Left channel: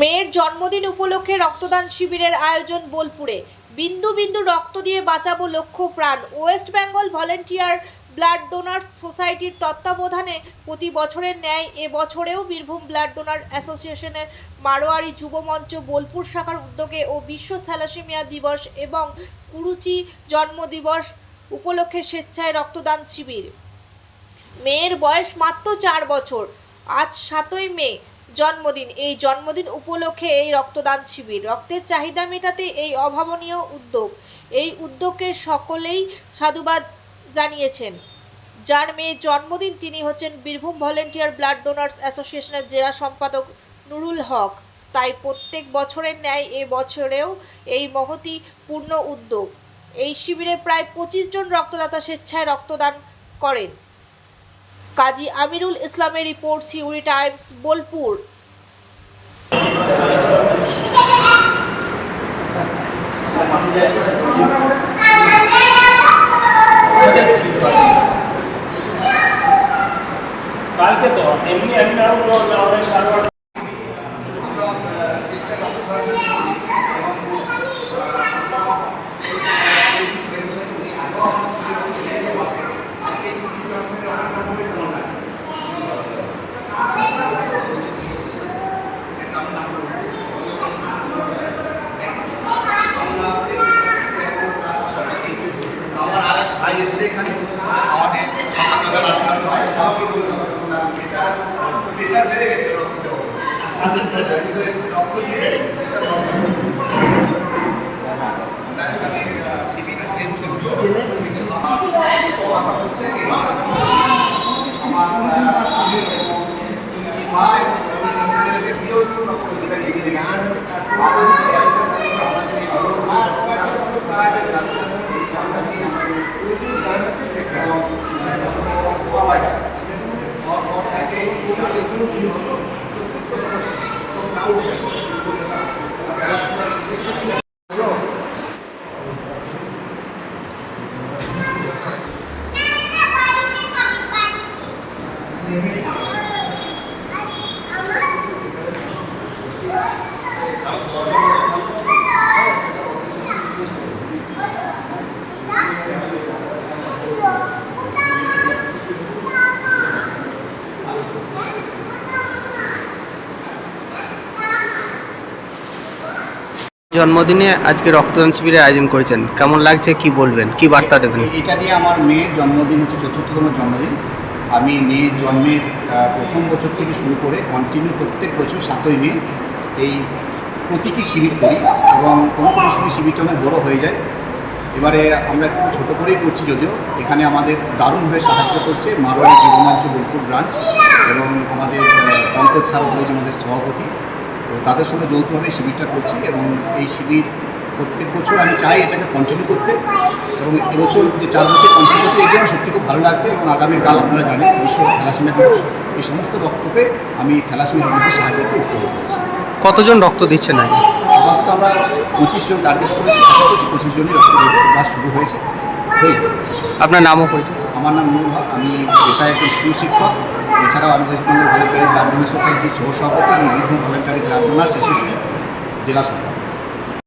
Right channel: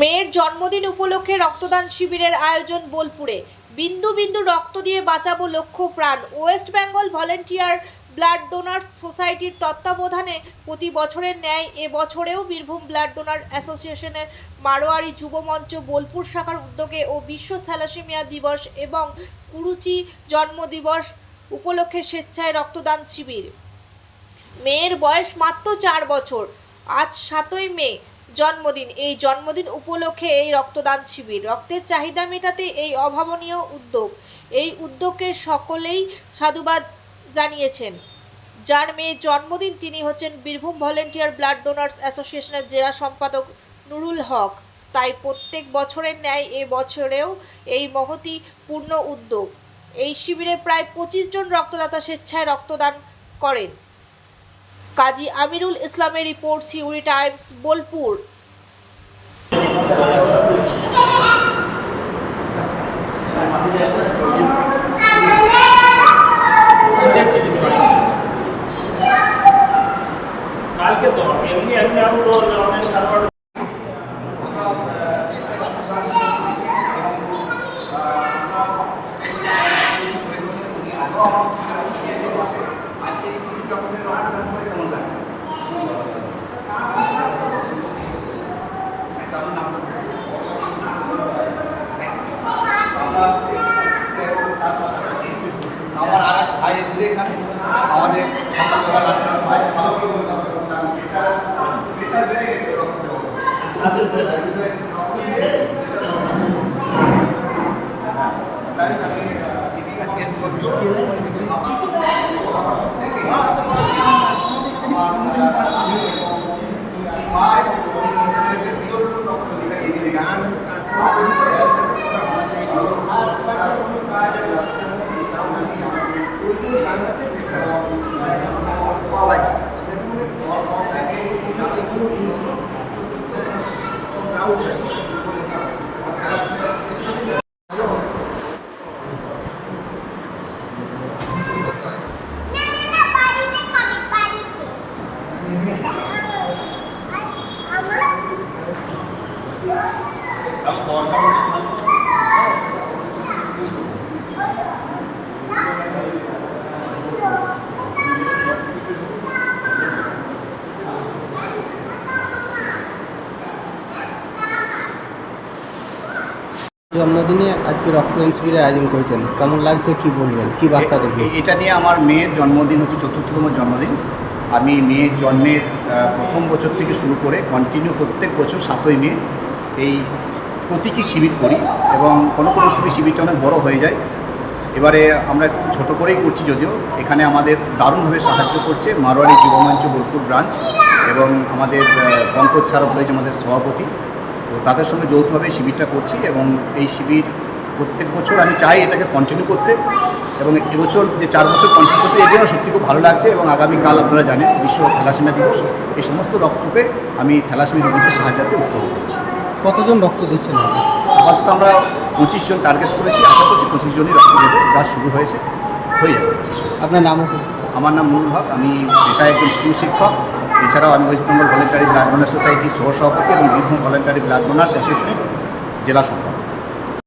মেয়ের জন্মদিন উপলক্ষে রক্তদান শিবিরের আয়োজন বোলপুরে। বিন্দু বিন্দু রক্ত দিয়ে বাঁচাবো লক্ষ প্রাণ। West Bengal volunteer blood donors সোসাইটির তত্ত্বাবধানে প্রতি বছরের ন্যায় এবছরেও বীরভূম ব্লাড ডোনার অ্যাসোসিয়েশনের মারোয়ারি যুব মঞ্চ বোলপুর শাখার উদ্যোগে ও বিশ্ব থ্যালাসেমিয়া দিবস এবং কুরুচি জন্মদিবস উপলক্ষে স্বেচ্ছায় রক্তদান শিবির। মেয়ের বয়স মাত্র 4 বছর। আজ 7ই মে জন্মদিন। এই জন্মদিন উপলক্ষে এই রক্তদান শিবির। রক্তের চাহিদা মেটাতে এই অভাবনীয় উদ্যোগ। এই উদ্যোগকে সকলেই সাধুবাদ জানিয়েছেন। যার মেয়ের জন্মদিন তিনি হচ্ছেন বীরভূম ভলেন্টিয়ার ব্লাড ডোনার্স অ্যাসোসিয়েশনের জেলা সম্পাদক নুরুল হক। তাই প্রত্যেক বছরের ন্যায় এ বছরেও এই মহতি পূর্ণ উদ্যোগ। এই শিবিরে প্রায় 25 জন রক্তদাতা স্বেচ্ছায় রক্তদান করেন। কাজী আমিরুল ইসলামের রিপোর্ট, সিউড়ি টাইমস, বোলপুর। কালকে তো এমনি অনলাইন জন্মদিনে আজকে রক্তদান শিবিরের আয়োজন করেছেন, কেমন লাগছে, কি বলবেন, কি বার্তা দেবেন? এটা নিয়ে আমার মেয়ের জন্মদিন হচ্ছে ৪র্থতম জন্মদিন। আমি মেয়ের জন্মের প্রথম বছর থেকে শুরু করে কন্টিনিউ প্রত্যেক বছর 7ই মে এই প্রতীকী শিবির করি এবং কোনো সময় শিবিরটা অনেক বড় হয়ে যায়। এবারে আমরা একটু ছোটো করেই করছি, যদিও এখানে আমাদের দারুণভাবে সাহায্য করছে মারোয়ারি যুবমঞ্চ বোলপুর ব্রাঞ্চ এবং আমাদের পঙ্কজ স্মারক রয়েছে আমাদের সভাপতি। তো তাদের সঙ্গে যৌথভাবে শিবিরটা করছি এবং এই শিবির প্রত্যেক বছর আমি চাই এটাকে কন্টিনিউ করতে এবং এবছর যে 4 বছর কন্টিনিউ করতে এর জন্য সত্যি খুব ভালো লাগছে। এবং আগামীকাল আপনারা জানেন বিশ্ব থ্যালাসেমিয়া দিবস। এই সমস্ত রক্তকে আমি থ্যালাসেমিয়া রোগীদের সাহায্যে উৎসর্গ করেছি। কতজন রক্ত দিচ্ছেন? আপাতত আমরা 25 জন টার্গেট করেছি, আশা করছি 25 জনই রক্ত দেবে। যা শুরু হয়ে যাবে 25 জন। আপনার নামও করেছে? আমার নাম নুরুল হক, আমি পেশায় একজন স্কুল শিক্ষক। এছাড়াও আমি West Bengal voluntary blood donor সোসাইটির সহ সভাপতি এবং বীরভূম ভলেন্টারি ব্লাড ডোনার্স অ্যাসোসিয়েশনের জেলা সম্পাদক।